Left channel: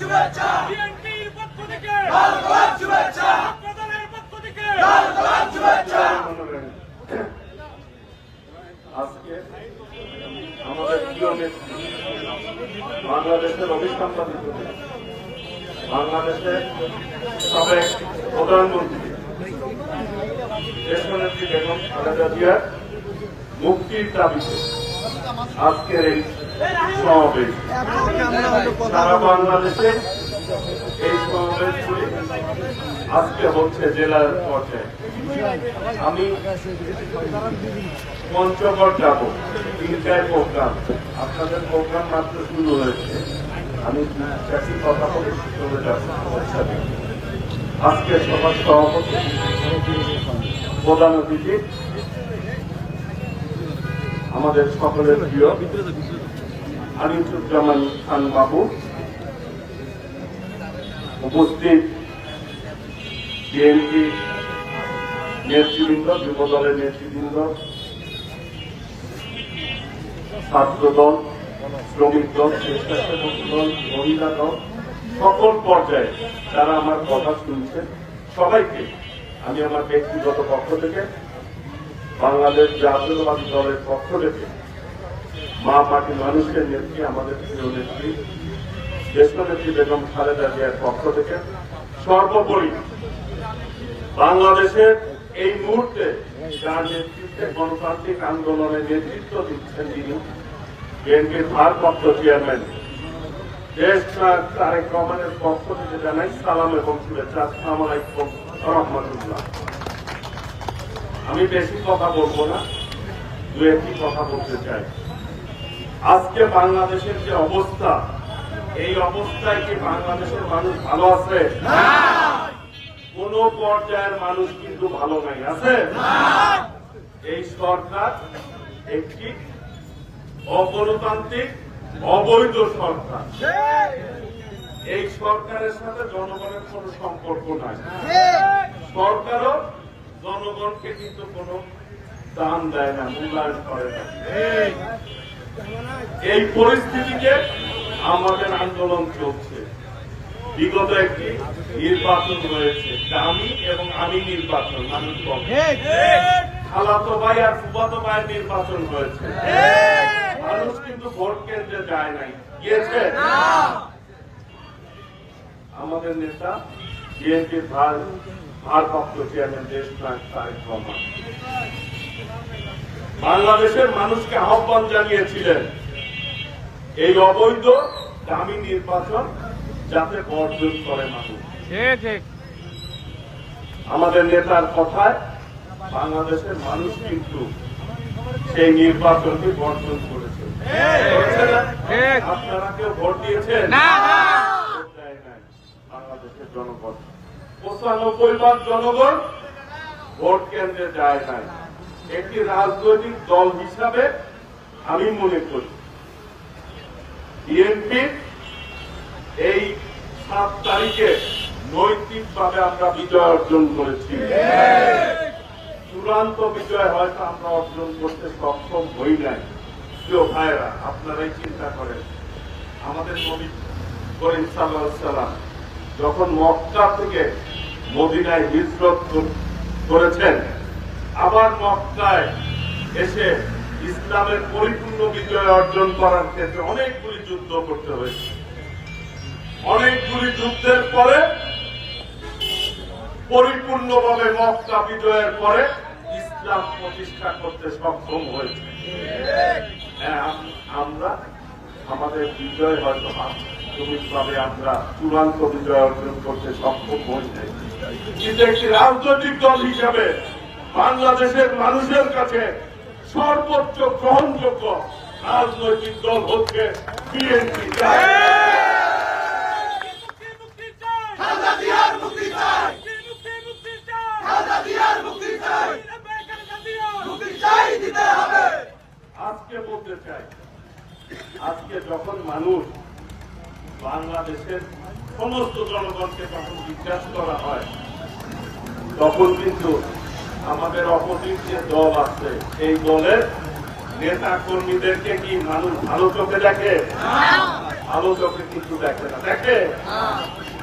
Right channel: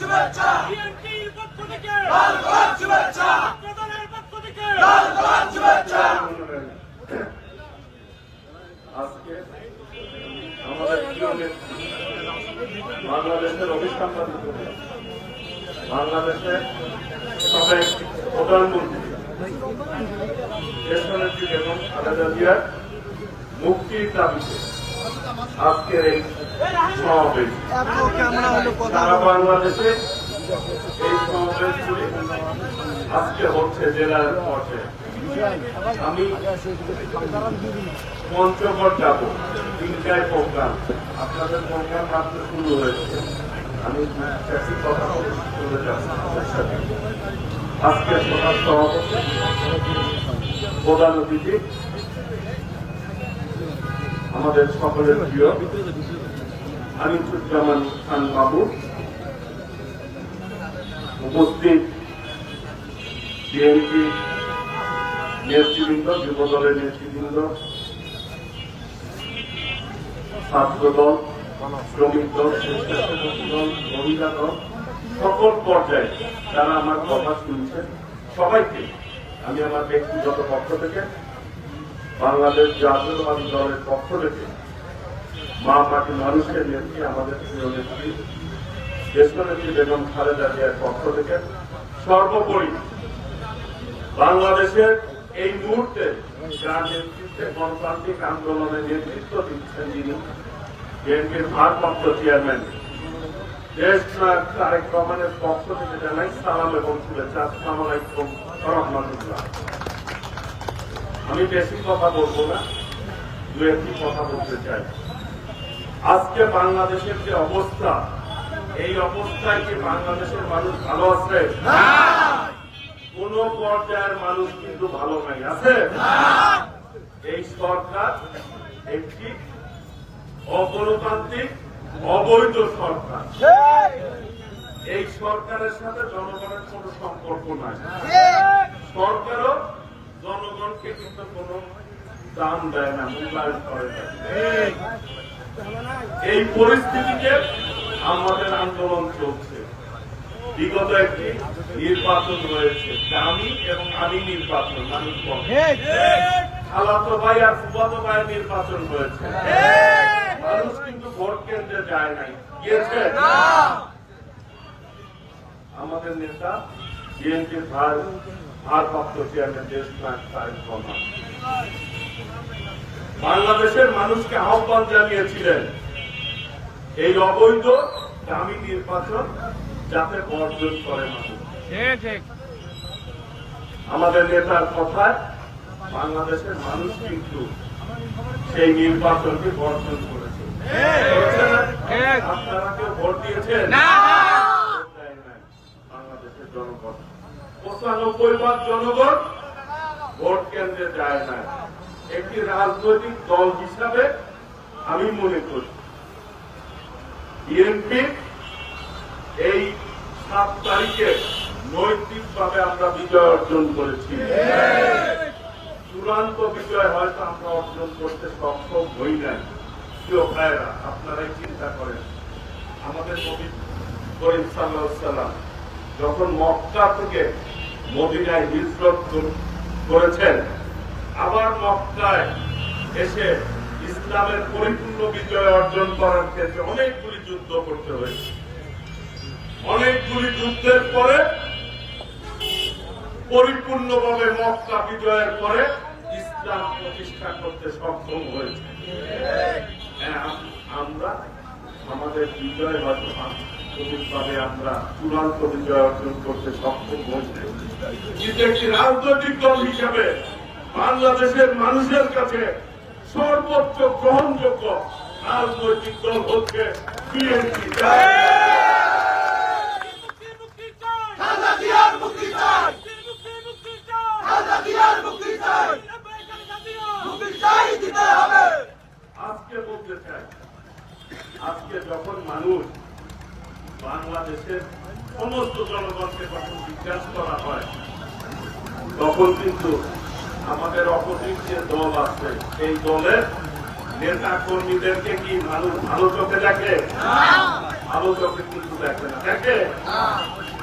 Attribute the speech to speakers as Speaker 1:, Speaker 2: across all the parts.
Speaker 1: শুভেচ্ছা।
Speaker 2: বিএনপির পক্ষ থেকে।
Speaker 1: লাল গোলাপ শুভেচ্ছা।
Speaker 2: প্রধানের পক্ষ থেকে।
Speaker 1: লাল গোলাপ শুভেচ্ছা।
Speaker 3: আজকে আমাদের প্রিয় নেত্রী বাংলাদেশের অভিসন্ধান বাংলাদেশের সাবেক প্রধানমন্ত্রী দেশনেত্রী বেগম খালেদা জিয়ার মুক্তির দাবিতে আজকের এই সমাবেশ। সারা বাংলাদেশে এই সমাবেশগুলি আজকে হচ্ছে জেলার পর্যায়ে। আমি পঞ্চগড় যাব, তিনটায় প্রোগ্রাম। আপনাদের প্রোগ্রাম মাত্র শুরু হয়েছে। আমি চাষি কথা বলে চলে যাব। আজকে সভার সভাপতি প্রধান অতিথি আমাদের সকলের প্রিয় আনিসুজ্জামান খান বাবু উপস্থিত বিএনপি নেতৃবৃন্দ, যুব দলের নেতৃবৃন্দ, ছাত্র দল, শ্রমিক দল, স্বেচ্ছাসেবক দল, মহিলা দল, সকল পর্যায়ে যারা আমার কথা শুনছেন, সবাইকে আমি আমার ব্যক্তিগত পক্ষ থেকে বাংলাদেশ জাতীয়তাবাদী দলের পক্ষ থেকে মা মাটি মানুষের নেত্রী আমাদের প্রিয় নেত্রী, জ্যেষ্ঠ নেত্রী বেগম খালেদা জিয়ার পক্ষ থেকে। সর্বোপরি বাংলাদেশের এই মুহূর্তে যার নেতৃত্বে গণতান্ত্রিক আন্দোলনের নেতৃত্ব দিচ্ছেন তিনি বিএনপির ভারপ্রাপ্ত চেয়ারম্যান। দেশ তারেক রহমানের পক্ষ থেকে জানাই সালাম এবং শুভেচ্ছা। আসসালাম আলাইকুম রহমতুল্লাহ। আমি বেশি কথা বলব না, দু একটি কথা বলতে চাই। আজকে বাংলাদেশের যে অবস্থা, এই অবস্থায় কি বাংলাদেশের মানুষ ভালো আছে? কোন পর্যায়ের মানুষ কিন্তু ভালো নাই, আছে? এই সরকার একটি অগণতান্ত্রিক, অবৈধ সরকার। এই সরকারের সাথে জনগণের কোনো সম্পর্ক নাই। সরকারও জনগণকে কিন্তু কোনো দান দেয় না মূল্যায়ন করে না। এই পরিস্থিতিতে আমাদের আন্দোলন চলছে। বিগত একটি নির্বাচন রয়েছে দামি এবং আমি নির্বাচন মানুষ খালাতো ভাই আর ফুফাতো ভাইয়ের নির্বাচন হয়েছে মানুষ কিন্তু ভোট কেন্দ্রে যায় নাই। গিয়েছে? আমাদের নেতা বিএনপির ভার ভারপ্রাপ্ত চেয়ারম্যান দেশ নায়ক তারেক রহমান বাংলাদেশের মানুষকে আহ্বান জানিয়েছিলেন এই অবৈধ দামি নির্বাচন যাতে বর্জন করে মানুষ। আমাদের নেতার কথায় বাংলাদেশের মানুষ কিন্তু সেই নির্বাচনকে বর্জন করেছে? আপনারা কেউ ভোট দিয়েছেন ভোট দেয় নাই বাংলাদেশের জনগণ। পঁচানব্বই ভাগ জনগণ ভোট কেন্দ্রে যায় নাই। একটি রাজনৈতিক দল হিসাবে আমি মনে করি, বিএনপি এই সাত তারিখে নৈতিকভাবে আমরা বিজয় অর্জন করেছি। চূড়ান্ত বিজয় হয়তো আমরা অর্জন করতে সক্ষম হই নাই। প্রিয় ভাইয়েরা, আপনারাই চিন্তা করেন, আমাদের নবী করিম সাল্লাহ সাল্লাম যখন মক্কা থেকে মদিনায় হিজরত করেছেন আবার মক্কায় এসে ইসলামের পরিপূর্ণ বিজয় অর্জন করার ক্ষেত্রে অনেকগুলি যুদ্ধ করতে হয়েছে। অনেকগুলি যুদ্ধের পরে পরিপূর্ণভাবে মক্কা বিজয়ের পরে ইসলাম প্রতিষ্ঠা করতে সক্ষম হয়েছে। হ্যাঁ, আমরা আমাদের বিজয় হয়তো আন্তরিকভাবে আমরা চূড়ান্ত বিজয় অর্জন করতে সক্ষম হয়েছে। কিন্তু একটি রাজনৈতিক দল হিসাবে বাংলাদেশের মানুষের কাছে সর্বোচ্চ গ্রহণযোগ্য রাজনৈতিক দল হচ্ছে বিএনপি। আজকে বলতে চাই আজকে যখন মানুষ বাংলাদেশের সমস্ত জনগণকে যখন জিজ্ঞাসা করা হয় তখন কিন্তু আমাদের অপোজিট যে দল আছে এই দলের নেতা কর্মীদেরকে কি মানুষ ভালো চোখে দেখে? আলোচকে কিন্তু দেখে না। দেখে?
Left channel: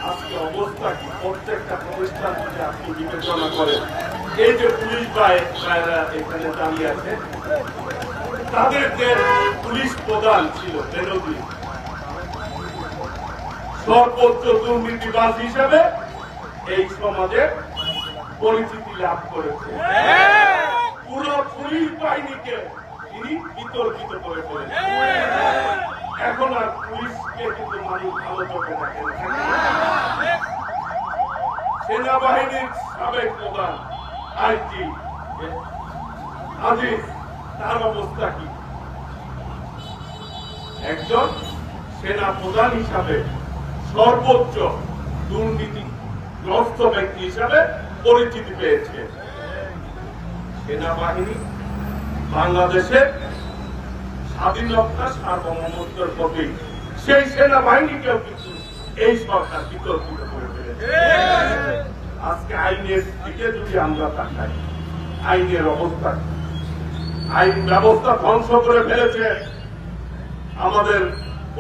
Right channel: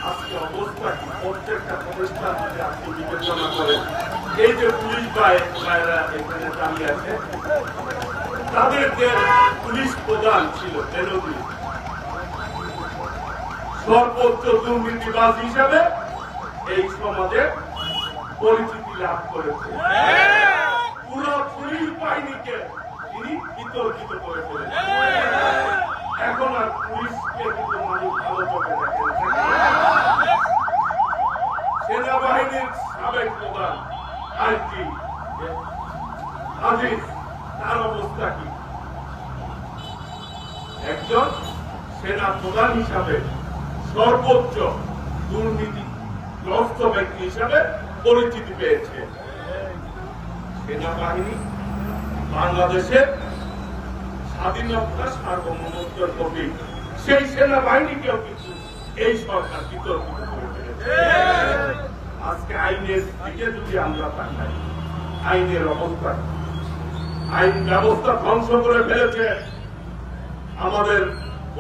Speaker 3: আজকে অবস্থা কি? প্রত্যেকটা প্রতিষ্ঠান থেকে আপনি বিবেচনা করেন এই যে পুলিশ ভাই- এখানে দাঁড়িয়ে আছে তাদের যে পুলিশ প্রধান ছিল সর্বোচ্চ দুর্নীতিবাজ হিসেবে এই সমাজে পরিচিতি লাভ করেছে। পুরো পুলিশ বাহিনীকে তিনি বিতর্কিত করে ফেলেছেন। এখন আর পুলিশকে কিন্তু মানুষ ভালো চোখে দেখে না। সেনাবাহিনীর সাবেক প্রধান আইজি আজিজ তার অবস্থা কি? একজন সেনা প্রধান হিসাবে সর্বোচ্চ দুর্নীতিগ্রস্ত ব্যক্তি হিসাবে পরিচিতি পেয়েছে। সেনাবাহিনী বাংলাদেশের স্বাধীনতা সার্বভৌমত্বের প্রতীক সেই সেনাবাহিনীকেও কিন্তু এই সরকার বিতর্কিত করে ফেলেছে। আজকে আইনের দিকে যদি আমরা তাকাই আইনের অবস্থা কি? আইন ব্যবস্থা ধ্বংস করে ফেলেছে। আমাদের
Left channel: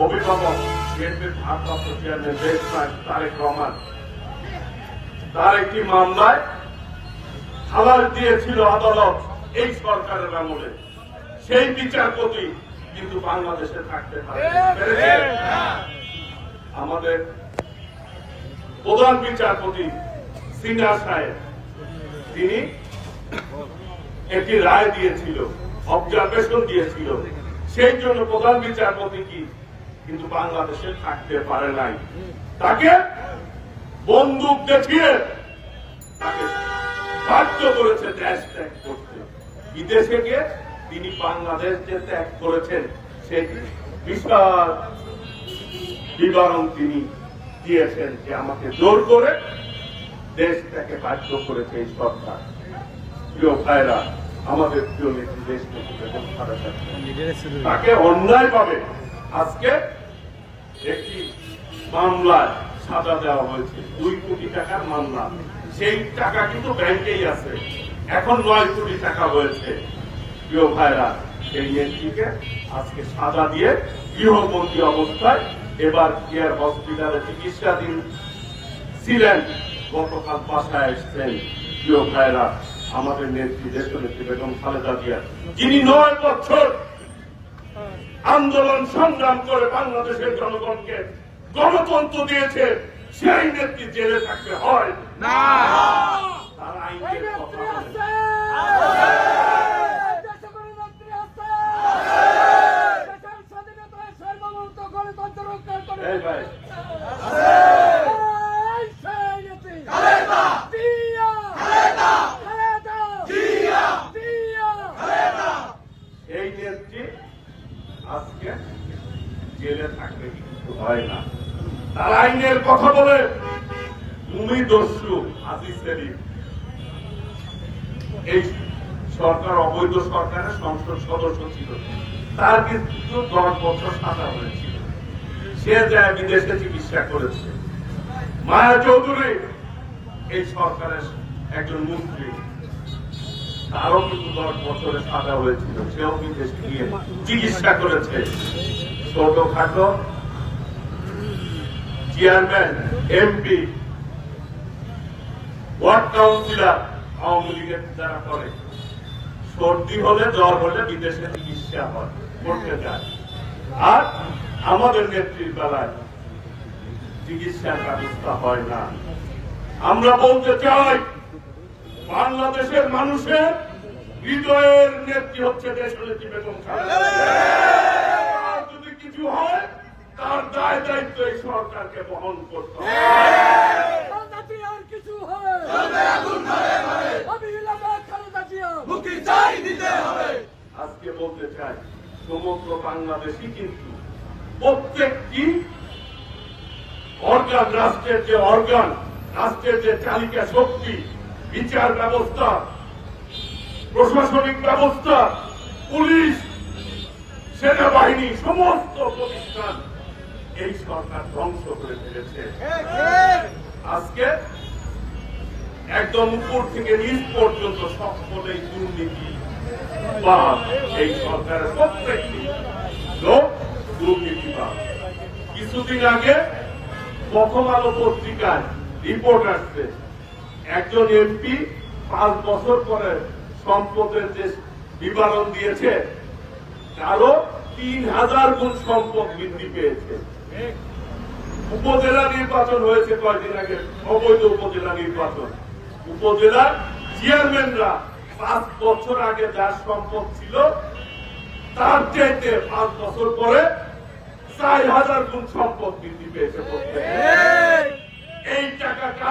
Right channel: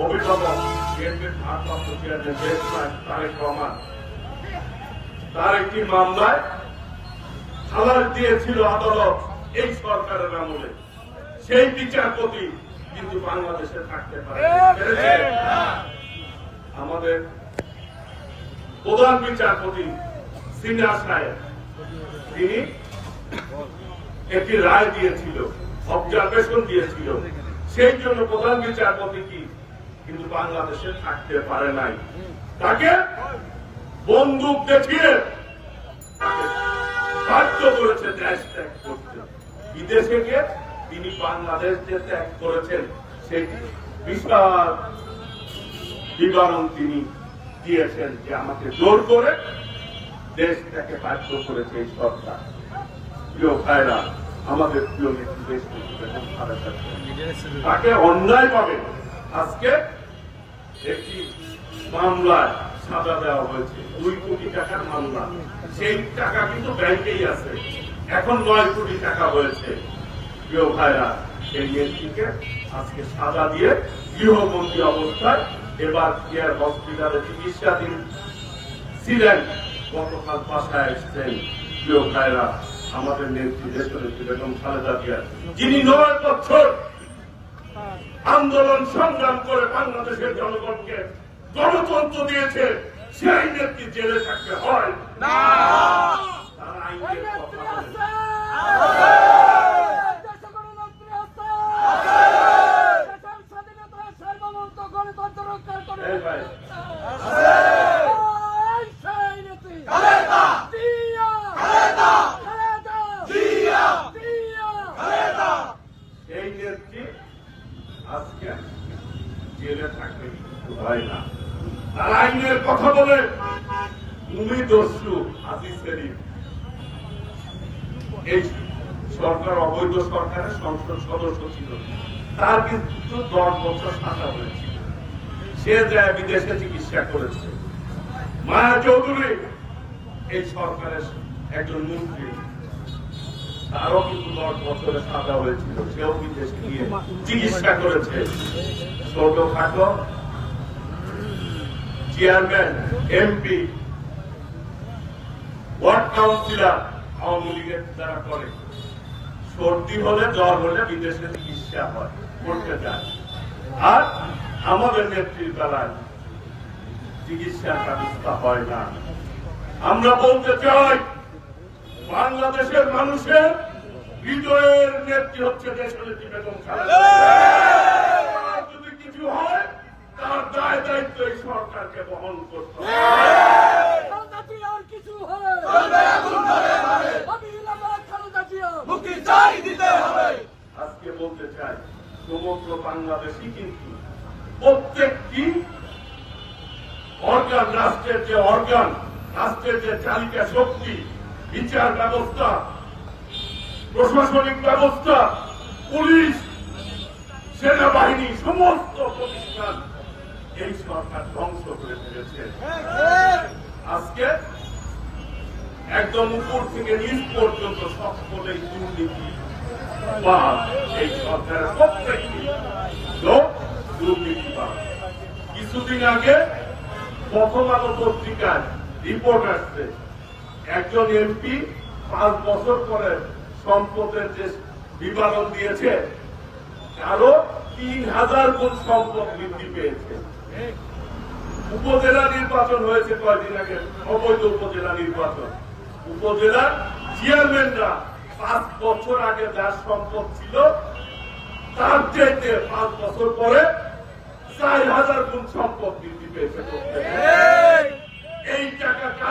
Speaker 3: অভিভাবক বিএনপির ভারপ্রাপ্ত চেয়ারম্যান নায়ক তারেক রহমান। তার একটি মামলায় খালাস দিয়েছিল আদালত এই সরকারের আমলে। সেই বিচারপতি কিন্তু বাংলাদেশে থাকতে পারে আমাদের প্রধান বিচারপতি সিনহা সাহেব, তিনি একটি রায় দিয়েছিল অবজারভেশন দিয়েছিল। সেই জন্য প্রধান বিচারপতি কি? কিন্তু বাংলাদেশে থাকতে পারে নাই। তাকে বন্দুক দেখিয়ে তাকে বাধ্য করেছে দেশ ত্যাগ করতে। বিদেশে গিয়ে তিনি বাংলাদেশ যে ত্যাগ করেছেন, সেটি বিশাল বিবরণ তিনি দিয়েছেন যে আমাকে জোর করে দেশ ত্যাগে বাধ্য করেছে এই সরকার। প্রিয় ভাইরা, আমাদের প্রিয়। তাকে অন্যায় পাবে আজকে একটি মামলায় সাজা দেওয়া হয়েছে। দুই কোটি টাকার মামলা। সেই টাকা কিন্তু ব্যাংকেই আছে। এখন নয় কোটি টাকা হয়েছে। প্রিয় ভাইরা এই নেত্রীকে আজকে সাজা দিয়ে গৃহবন্দী অবস্থায় এবার কেয়ার হসপিটালে চিকিৎসাধীন ছিলেন। গতকাল বাসায় এসছেন। প্রিয় ভাইরা আমাদের নেত্রী বেগম খালেদা জিয়া, যিনি নয় বছর আন্দোলন সংগ্রাম করে বাংলাদেশের জনগণকে গণতন্ত্র দিয়েছে, সেই নেত্রী জেলে থাকতে হয়। না তার আইনের কথা বলে।
Speaker 2: দেশে গণতন্ত্র আছে দেশের স্বাধীনতা সার্বভৌমত্ব গণতন্ত্র রক্ষা করে
Speaker 3: এই ভাই
Speaker 2: এই সেই নীতি।
Speaker 1: খালেদা
Speaker 2: দিয়া,
Speaker 1: খালেদা
Speaker 2: খালেদা,
Speaker 1: জিয়া
Speaker 2: দিয়া।
Speaker 1: খালেদা
Speaker 3: এই নেত্রী আজকে জেলে থাকতে হয় না। তার আইনের কথা বলে তুমি দস্যু আজিজ সেলিম। এই সরকার, অবৈধ সরকারের সংসদ সদস্য ছিল। তার কিন্তু দশ বছর সাজা হয়েছিল। সে যায় বিদেশে চিকিৎসা করেছে। মায়া চৌধুরী এই সরকারের একজন মন্ত্রী। তারও কিন্তু দশ বছরের সাজা হয়েছিল সেও বিদেশে গিয়ে চিকিৎসা করেছে ছোটখাটো chairman MP ward councillor Awami লীগের যারা করে সর্দি হলে জ্বর হলে বিদেশে চিকিৎসা হয় করতে যায় আর আমাদের নেত্রীর বেলায় চিকিৎসার ব্যবস্থা হয় না আমরা বলতে চাই বাংলাদেশের মানুষের হৃদয়ের নেত্রী হচ্ছে দেশের নেত্রী বেগম খালেদা যদি কিছু হয় তার দায় দায়িত্ব এই সরকারকে বহন করতে
Speaker 2: হয়।
Speaker 3: আজকে বলতে চাই সমগ্র বাংলাদেশই কিন্তু প্রত্যেকটি অর্গান রাষ্ট্রের যে অর্গান রাষ্ট্রের যে চালিকা শক্তি বিচার ব্যবস্থা, প্রশাসনিক ব্যবস্থা, পুলিশ, সেনাবাহিনী, সমস্ত প্রতিষ্ঠান এই সরকার ধ্বংস করে ফেলেছে। আজকে একদম উপর থেকে নিচ পর্যন্ত সকলেই দুর্নীতি বা এই সরকারের প্রত্যেকটি লোক দুর্নীতিবাদ কিছুদিন আগে প্রথম আলো পত্রিকায় রিপোর্ট আসছে একজন এমপি পাঁচ বছর পরে সম্পদের যে বিবরণ দিয়েছে কারও তিন হাজার গুণ সম্পদ বৃদ্ধি পেয়েছে। উপজেলা নির্বাচন হয়েছে কয়েকদিন আগে? অবৈধ উপজেলা নির্বাচন। উপজেলার চেয়ারম্যানরা পাঁচ বছর আগে যার সম্পদ ছিল, তার চাইতে পাঁচ বছর পরে চার হাজার গুণ সম্পদ বৃদ্ধি পেয়েছে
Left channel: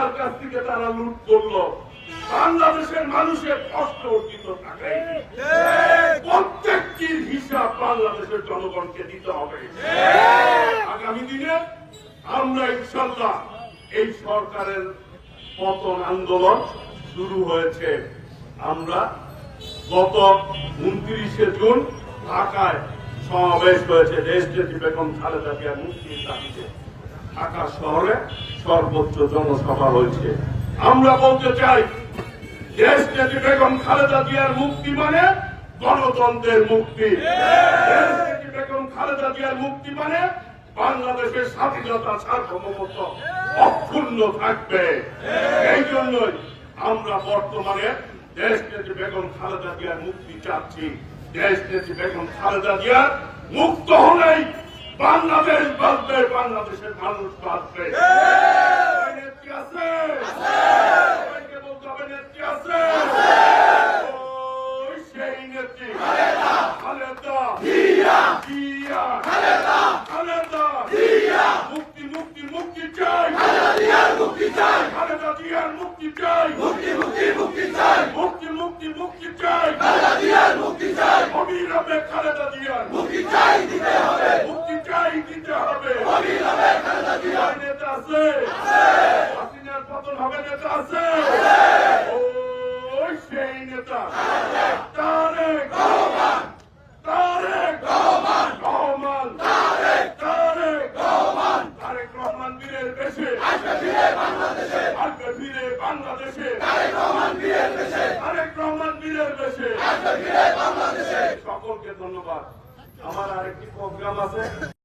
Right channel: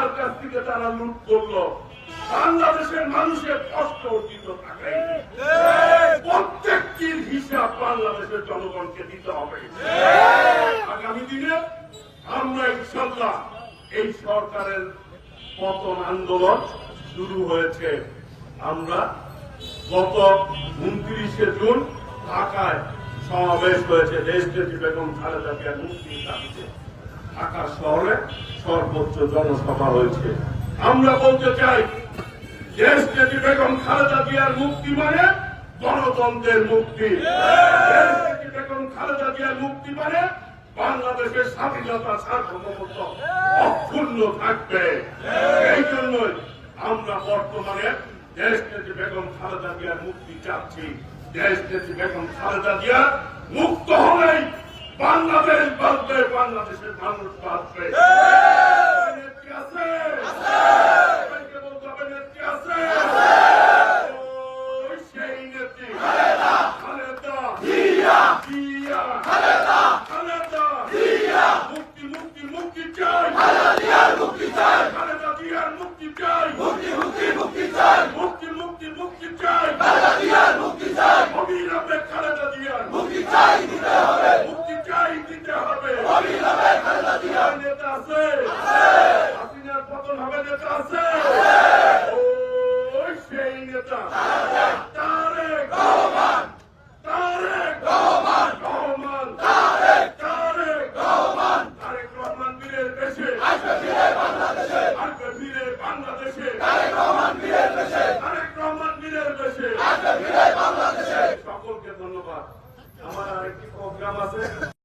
Speaker 3: কার কাছ থেকে তারা লুট করল। বাংলাদেশের মানুষের কষ্ট অর্জিত টাকাই প্রত্যেকটির হিসাব বাংলাদেশের জনগণকে দিতে হবে। আগামী দিনে আমরা ইনশাল্লাহ এই সরকারের পতন আন্দোলন শুরু হয়েছে। আমরা গত উনত্রিশে জুন ঢাকায় সমাবেশ হয়েছে। দেশনেত্রী বেগম খালেদা জিয়া মুক্তির দাবিতে। ঢাকা শহরে সর্বোচ্চ জনসভা হয়েছে। আমরা বলতে চাই, দেশ নেত্রী বেগম খালেদা জিয়ার মুক্তি মানে গণতন্ত্রের মুক্তি। বেগম খালেদা জিয়ার মুক্তি মানে বাংলাদেশের স্বাধীনতা সার্বভৌমত্ব অক্ষুণ্ণ থাকবে। এই জন্যই আমরা বর্তমানে দেশ নেত্রী বেগম খালেদা জিয়ার মুক্তি চাচ্ছি। দেশ নেত্রী বেগম খালেদা জিয়া মুক্ত হলেই বাংলাদেশ বাঁচবে বাংলাদেশের মানুষ বাঁচবে। আছে সবাইকে বলতে হবে নেত্রী আছে ওই সেই নেত্রী খালেদা জিয়া খালেদা মুক্তি মুক্তি মুক্তি চাই
Speaker 1: মুক্তি চাই
Speaker 3: খালেদা জিয়ার মুক্তি চাই
Speaker 1: মুক্তি মুক্তি মুক্তি চাই
Speaker 3: মুক্তি মুক্তি মুক্তি চাই
Speaker 1: খালেদা জিয়ার মুক্তি চাই
Speaker 3: অবিরামে খালেদা জিয়ার
Speaker 1: মুক্তি চাই দিতে হবে
Speaker 3: মুক্তি চাই দিতে হবে
Speaker 1: অবিলম্বে খালেদা জিয়ার
Speaker 3: নেতা আছে হাসিনার পতন হবে নেতা আছে ওই সেই নেতা তারেক
Speaker 1: রহমান
Speaker 3: তারেক
Speaker 1: রহমান
Speaker 3: রহমান
Speaker 1: তারেক
Speaker 3: তারেক
Speaker 1: রহমান
Speaker 3: তারেক রহমান বীরের বেশে
Speaker 1: আসবে ফিরে বাংলাদেশে। রহমান বীরের দেশে
Speaker 3: তারেক রহমান বীরের বেশে।
Speaker 1: আসবে ফিরে বাংলাদেশে।
Speaker 3: সকলকে ধন্যবাদ। আমার আরেকটি প্রোগ্রাম আছে।